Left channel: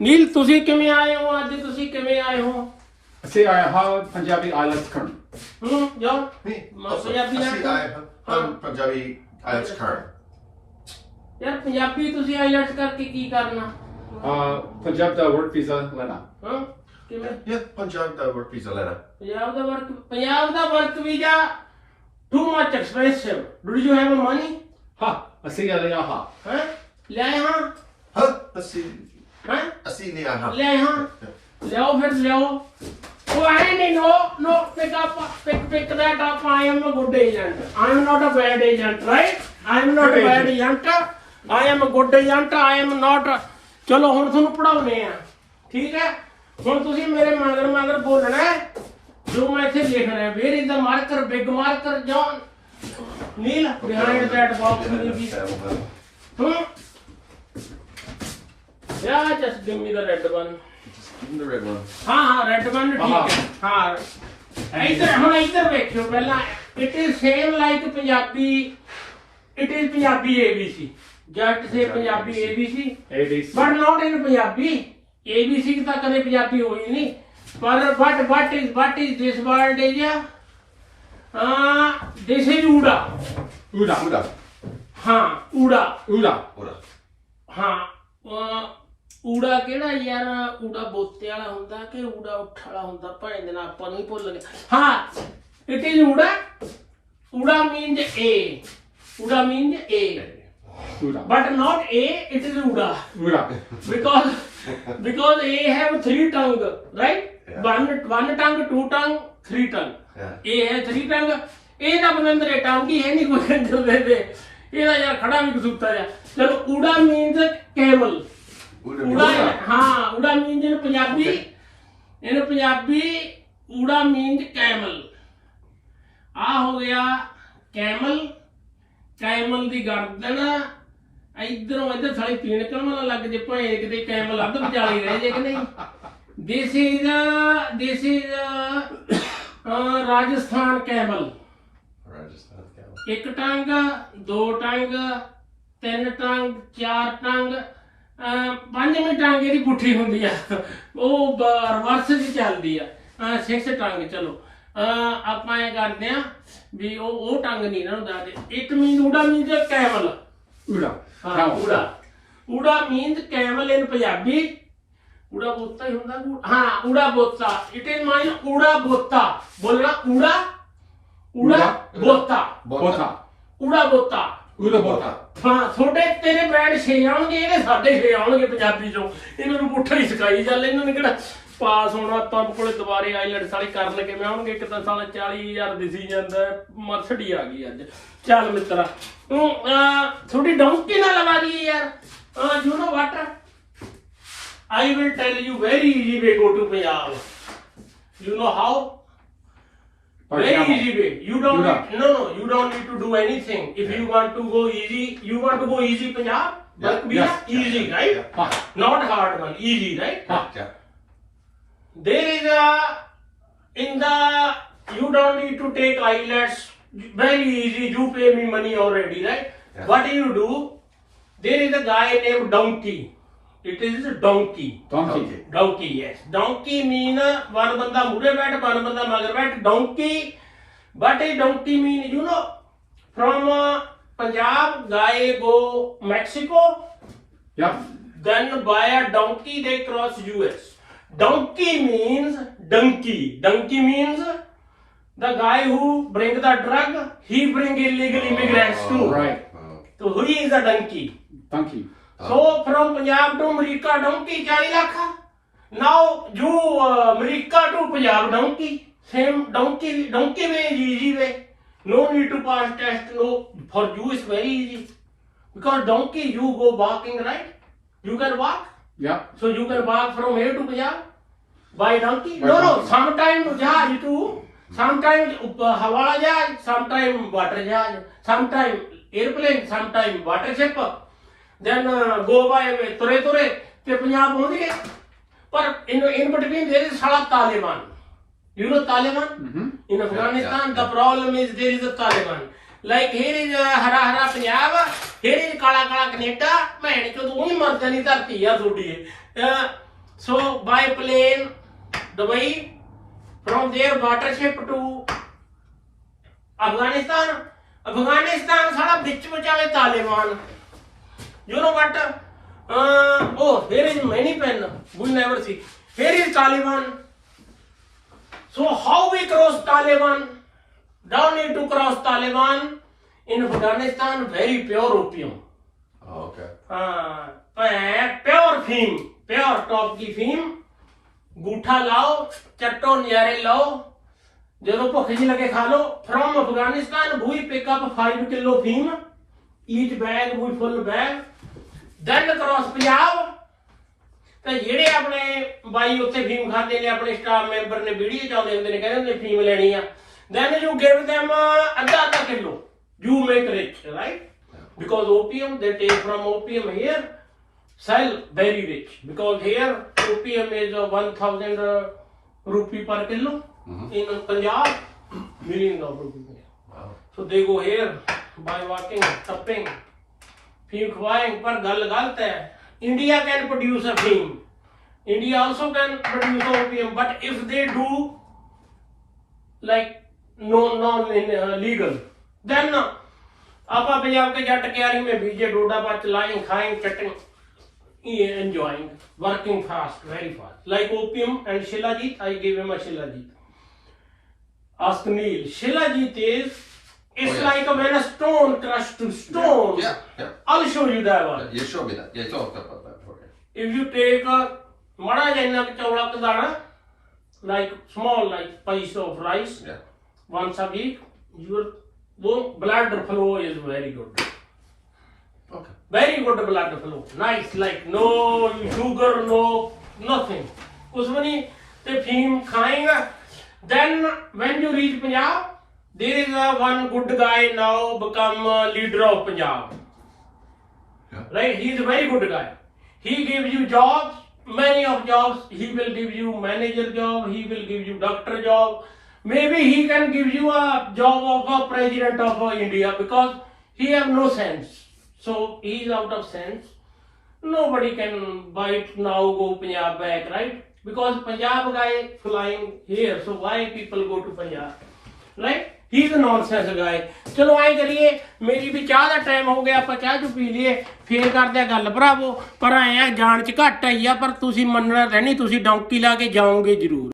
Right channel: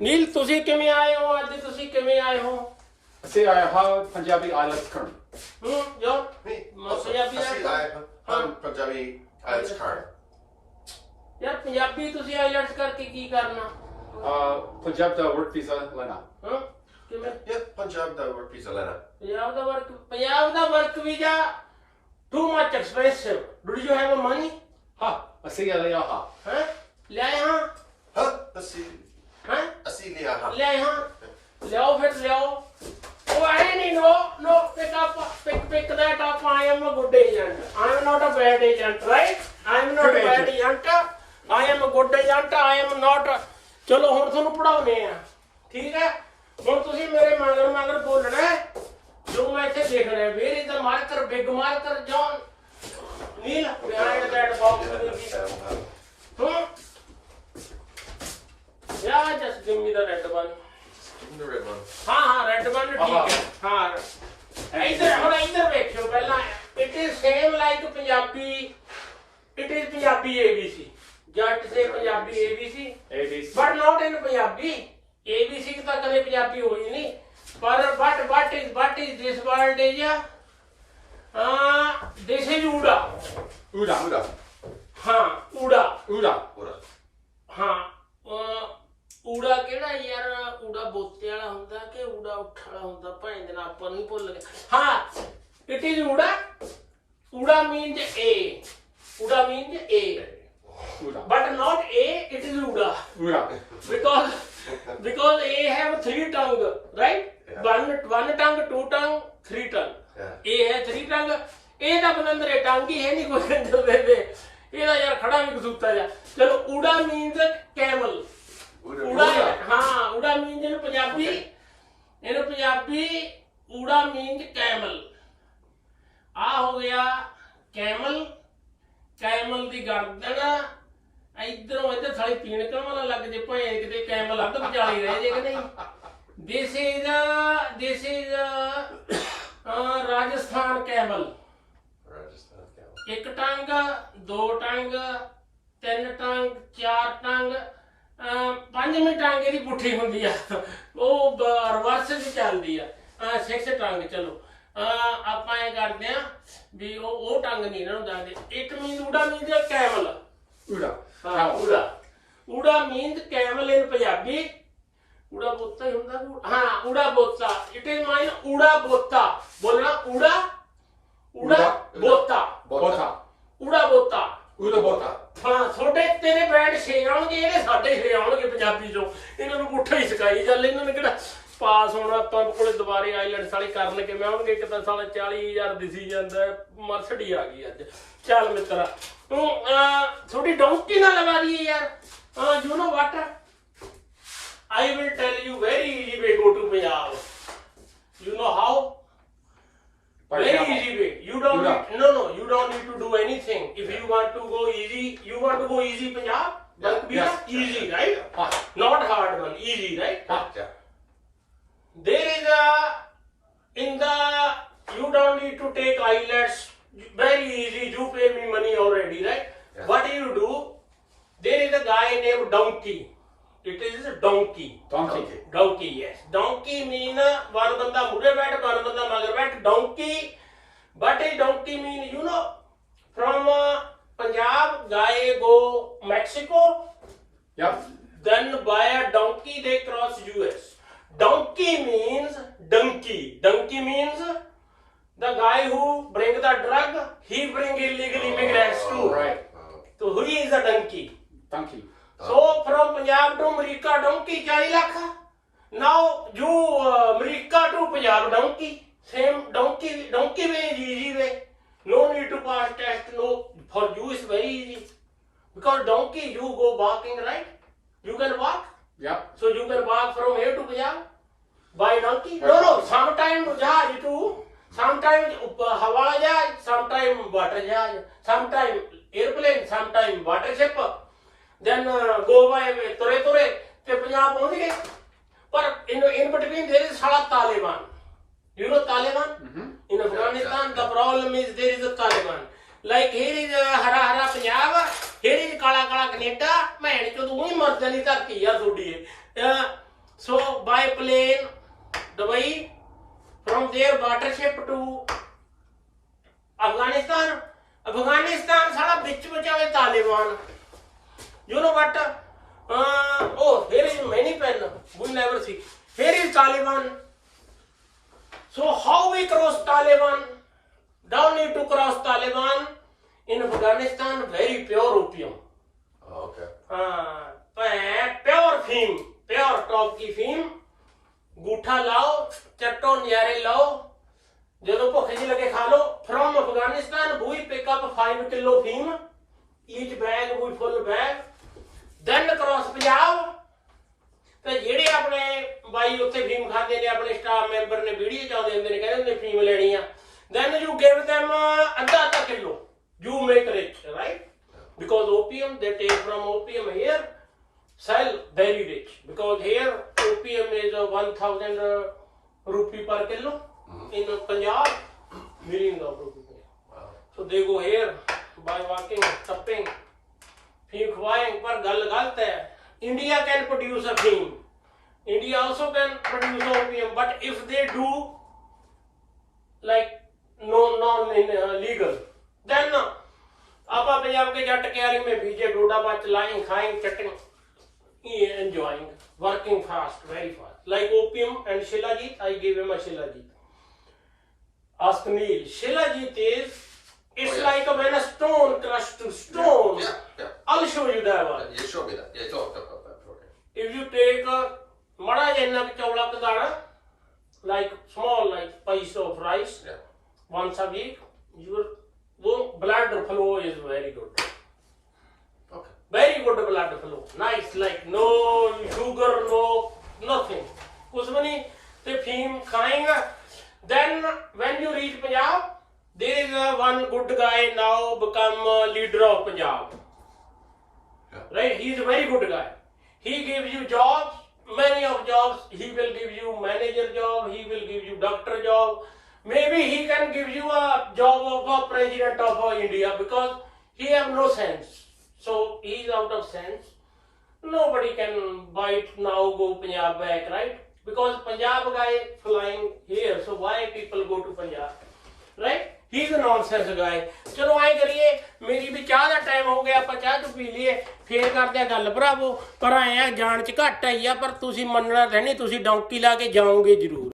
ਨੀਲ ਤੁਸੀਂ ਕਿਵੇਂ ਆਏ ਹੋ ਅੱਜ ਤੁਸੀਂ ਕਿਵੇਂ ਆਏ ਹੋ ਅਸੀਂ ਆਏ ਹਾਂ ਪੰਜਾਬੀ ਆਇਲਟਸ ਕਰਨ ਹੂੰ ਯਾ ਮਸਿਆਬੀ ਹਾਂ ਪੰਜਾਬੀ ਆਇਲਟਸ ਕਰਨ ਯਾਰ ਪੰਜਾਬੀ ਤੁਸੀਂ ਆਇਲਟਸ ਕਰਕੇ ਕੀ ਕਰਨਾ ਹਾਂ ਪੰਜਾਬ ਦਾ ਵਰਕ ਵੀਜ਼ਾ ਲੈਣਾ ਹਾਂ ਕਿਵੇਂ ਯਾ ਪੰਜਾਬ ਦਾ ਵਰਕ ਵੀਜ਼ਾ ਲੈਣਾ ਪੰਜਾਬ ਦਾ ਵਰਕ ਪੰਜਾਬ ਦਾ work visa too much expressive do you have money ਹਾਂ ਅਸੀਂ ਆ ਲਿਆ ਹਾਂ ਹੈ ਲਿਆ ਹਾਂ ਹਾਂ ਅਸੀਂ ਹੈ assinei a rapa. Leão, Leão, vê se Leão. O velho nem não, não fica fica fica daí tá com a minha gorda aí dentro. I am not a bad agent, right? I am not a bad agent. I am a good agent. I am not. ਚਲੋ ਹੁਣ ਤੁਹਾਨੂੰ ਪੜਾਉਨੇ ਆ ਠੀਕ ਹੈ ਹੁਣ ਤੁਸੀਂ ਮੇਰੇ ਮਗਰ ਮਗਰ ਬੋਲਣਾ ਜੋ ਮੈਂ ਇੱਥੇ ਲਿਖ ਰਿਹਾ where is the marker big marker ਜੋ ਨੀਲ behind that box will be ਹੂੰ ਯਾ just give me the red one give the red one ਹਾਂ ਹਾਂ ਰੈੱਡ ਵਨ ਠੀਕ ਹੈ ਹਾਂ ਇੱਧਰ ਹੁਣ ਇੱਧਰ ਵੇਖੋ ਪਹਿਲਾਂ it is same like Punjabi it is Punjabi ABC ਜੱਟ ਸੇ Punjabi ABC ABC but not in Punjabi ABC ਤਾਂ ਕਦੇ ਪੰਜਾਬੀ ਹੋਈ ਨਹੀਂ ਪਰ but what is what is this world is ਆ ਆ ਥਿਸ ਇਜ਼ ਊੜਾ ਊੜਾ ਊੜਾ ਹਾਂ ਊੜਾ ਊੜਾ ਊੜਾ ਹਾਂ ਊੜਾ ਕਿਹੜਾ ਯਾਰ ਊੜਾ ਬੋਤੇ ਵਾਲਾ ਹੁੰਦਾ ਕਿ ਊੜਾ ਉੱਠ ਹੁੰਦਾ ਭਾਈ ਦੇ ਨਾਲ ਪਨ ਹੀ ਭੁੱਲ ਗਏ ਹਾਂ ਇਟ ਇਜ਼ ਊੜਾ ਊੜਾ ਮੀਨਸ ਏ ਊੜਾ ਮੀਨਸ ਏ ਊੜਾ but not A it is ਊੜਾ ਊੜਾ ਬਿਕੋਜ਼ ਬਿਕੋਜ਼ ਏ ਹੈਵ 3 ਟੰਗ ਰਾਈਟ 1 1 ਟੰਗ 2 ਟੰਗ 3 ਟੰਗ ਏ ਹੈ 3 ਟੰਗ ਏ ਦਾ ਬੰਦਰ ਰੇ ਟੰਗ ਹੀ ਹੈ ਨਹੀਂ ਕੋਈ ਅੰਦਰ ਦੇ ਦੇ ਯਾਰ ਖੜਾ ਵੀ ਕਸੂਤਾ ਜਾ ਚਲੋ ਊੜਾ ਮੀਨਸ ਕੇਵਲ ਉੜਾ ਹਾਂ ਉੜਾ ਮੀਂਜ ਇਹਨੂੰ ਪੰਜਾਬੀ ਇਹਨੂੰ ਪੰਜਾਬੀ ਉੜਾ ਮੀਂਜ ਕੈਮਲ ਆ ਹੋ ਗਿਆ ਕੈਮਲ ਕੈਮਲ ਦੀ ਗਰਦਨ ਇਧਰੋਂ ਇਧਰ ਥਾਲੀ ਪੀਣ ਕਰਮਾਂ ਨਾਲ ਲੱਗ ਜੇ ਭਾਏ ਕਿਤੇ ਕੈਮਲ ਅੱਧ ਵਿਚਾਲੀ ਰਹਿ ਜੇ ਕਿ ਨਹੀਂ this is this is Rajasthan camel ਇੱਕ ਟੰਗ ਦੋ ਟੰਗ ਤਿੰਨ ਟੰਗ ਚਾਰ ਟੰਗ 5 ਮਿੰਟ ਟਾਂਗ ਇਹਦੀ ਗੁੱਠੀ ਹੁੰਦੀ ਆ ਉਹ ਰਿਵਰਸ ਚ ਚੱਲਦੀ ਆ ਸਿਰ ਸੇ ਟਾਂਗ ਚਲੋ ਆਪਾਂ ਇਹ ਕਰਦੇ ਆ ਵੀ ਉਹ ਉਹ ਟੰਗ ਨਹੀਂ ਇਹਨਾਂ ਨੂੰ ਤੇ ਇੱਕ ਮੀਂਦ ਉਡਾ ਮੀਂਦ ਕੈਮਲ ਉਡਾ ਹਾਂ ਉਡਾ ਉਡਾ ਮੀਂਦ ਕੈਮਲ ਇਨ ਪੰਜਾਬੀ ਉਡਾ ਬੋਤਾ ਹੀ ਹੁੰਦਾ ਹਾਂ ਉਡਾ ਬੋਤਾ ਇਟ ਇਨ ਮਾਈਨ ਉਡਾ ਬੋਤਾ ਬੋਲਣਾ ਉਡਾ ਉਡਾ ਬੋਤਾ ਬੋਤਾ ਉਡਾ ਬੋਤਾ ਉਡਾ ਬੋਤਾ ਹਾਂ ਥੋੜੇ ਤੇਰੇ ਬ੍ਰਾਂਡ ਛੇ ਆਉਣਗੇ ਇਹਦੇ ਸਾਡੇ ਛੇ ਆਉਣਗੇ ਪੰਜਾਬੀ ਚੋਂ ਇਹਨਾਂ ਨੂੰ ਪੁੱਠਾ ਹੀ ਸਿਕਾਈ ਲੈ ਇਹਨਾਂ ਨੇ ਕਿਹਾ ਪਾਸ ਹੋਣਾ ਆਪਾਂ ਕੋਲੇ ਦੁਬਾਰੇ ਆਈਲੈਂਡਸ ਵਾਲੀ ਕਰਨ ਲੱਗੇ ਮੈਂ ਆਉਣਗੇ ਇੱਕ ਤਾਂ ਸਾਲ 40000 ਦਿੱਸੀ ਜਾਂਦਾ ਮਰਸਡੀ ਆ ਗਈ ਅੱਜ ਚੱਲ ਮਿੱਤਰਾ ਤੂੰ ਥੋੜੀ ਡੌਂਕੀ ਨਾ ਲਵਾ ਦੀਏ ਯਾਰ you know what I will tell you very easy way go to Punjab you know how For very example, easy way. You don't need, no no, you don't need to do anything. If yeah. you want to go easy, you want to go easy Punjab, yeah. but we yes. are easy, yeah. right? Yeah. Not hard one, easy, right? Yeah. There is a in the you don't need to take islands very easy, you pay me money already, right? Yeah. What do you do? There is a guy named Donkey. It is donkey donkey donkey yes donkey mean one बंदा मुड़े बैठ one बंदा मगर बैठ donkey but A donkey mean you know from Punjab guy go Mexico या then bye a donkey they cross US donkey means Dunki Dunki means the guy who bring the drug he bring illegal immigrants to right तो who is a Dunki Dunki so firm Punjab ਤੋਂ America donkey 40 lakh ਨਾਓ ਜੂ America ਤੋਂ Punjab donkey same donkey donkey ਵੇ ਜੀ ਜੀ ਵੇ no need two pass test no for you ਇਸ very easy because donkey you go walking right you can ਵਾਕ ਯਾ so you can walk from here to Punjab by donkey no no some time ਜਾ ਜੀ ਤੂੰ some time ਹਵਾ ਜਾ some time water ਜਾ some time airplane some time water then ਗੋ bye ਤੁਰੇ ਤੁਰੇ ਤੇ ਪੰਜਾਬ ਪਹੁੰਚ ਗਏ ਪਰ in in between there is ਸਾਲਾ Taliban you know Taliban in Afghanistan the problem is there is a Taliban like Hher is a ਹਰਾ ਹਰਾ ਪੰਜਾਬ ਹੇਰ ਇਜ਼ ਕਾਲਾ ਕਾਲਾ ਕੈਨੇਡਾ ਮੈਂ ਚੋ ਤੂੰ ਮਰਦਾ ਨਹੀਂ ਧਰਤੀ ਆ ਤੁਹਾਡੀ so by plane Dubai from there ਵਾਟਰਸ਼ਿਪ to Afghanistan Afghanistan ਸਾਲਾ ਵਿੱਚ ਵਿਚਾਲੇ Taliban you know what uh, oh here is many pen we never see here is taliban so how we cross taliban down need to cross taliban in afghanistan very pure opium okay uh pure thing pure top ki thing गुठा लाओ चट्टो नारे लाओ जो भुख जी लगे खा लो from Afghanistan भूई pickup five kilo फीम eat bag we full bag then cross Punjab ਤੇ ਜਿਹੜੇ ਆਪਣੇ ਬਾਈ ਉੱਥੇ ਫੀਮ ਖਾਂਦੇ ਨੇ ਆਪਣੇ ਸਟਾਫ ਮੈਂਬਰ ਨੇ ਵੀਡੀਓ ਚਾਉਂਦੇ ਹੁੰਦੇ ਨੇ ਕਹਿੰਦੇ ਹੁੰਦੇ ਫੀਮ ਲੈਣੀ ਆ ਦੈਨ ਯੂ ਗਿਵ them ਅੱਧਾ ਅੱਧਾ kilo you make rich right because opium they take from opium here sell very rich because here opium is 1000 rupee per kilo in Punjab million of rupee so they go here by walking ਟੱਪਿੰਗ film के ऊपर गल गलत है India can produce a film India also can produce OPM but if they do like non legal then आप पंजाब के जट क्यारी में बीजे डोडा पर चलाएं खाएं चटें ये enjoying working fast very fast like OPM and Shilajit I give him a shilajit ask me shilajit is it's like a man stone crush to stone या या I'll show you that one. Yeah, show me that. Yeah, talk about that for me. If you take a mana jenna ke chowlak dana, like small like piece of rice, yeah. once a week, your wo blood flow is very good. Okay. Very good blood flow. Nice, like no sugar, no nothing. कुछ भी नहीं तो फीम खाएंगे then when you reach Punjab there is a one good guy now become leader of Punjab Right? He is a very good guy. He gives you jobs, many of jobs. He will give you manager job. He will give you doctor job. Maybe he can give you a job of a president of a India because he have no sense. So he is out of sense. Nobody can buy it now go Punjab back, right? Because Punjab guy flying here. So why people go to Punjab? Right? He is a nonsense ਗਾਇ ਚਲੋ ਆਈ ਕਰੀਏ ਮੇਰੀ ਵੀ ਚਾਹ ਦਾ time ਹੋ ਗਿਆ ਆਪਾਂ ਚਾਹ ਚ ਪੀ ਲਈਏ ਫੇਰ ਕਰਦੇ ਗੱਲ ਭਰਾਵੋ ਪਰ ਆਇਆ ਜਾਣ ਚ ਘਟ ਆਈ ਆ ਪਰ ਤੁਸੀਂ ਮੰਨਣਾ ਤੇ ਨਹੀਂ ਤੁਸੀਂ ਡੌਂਕੀ ਲਾ ਕੇ ਜਾਓਗੇ ਜ਼ਰੂਰ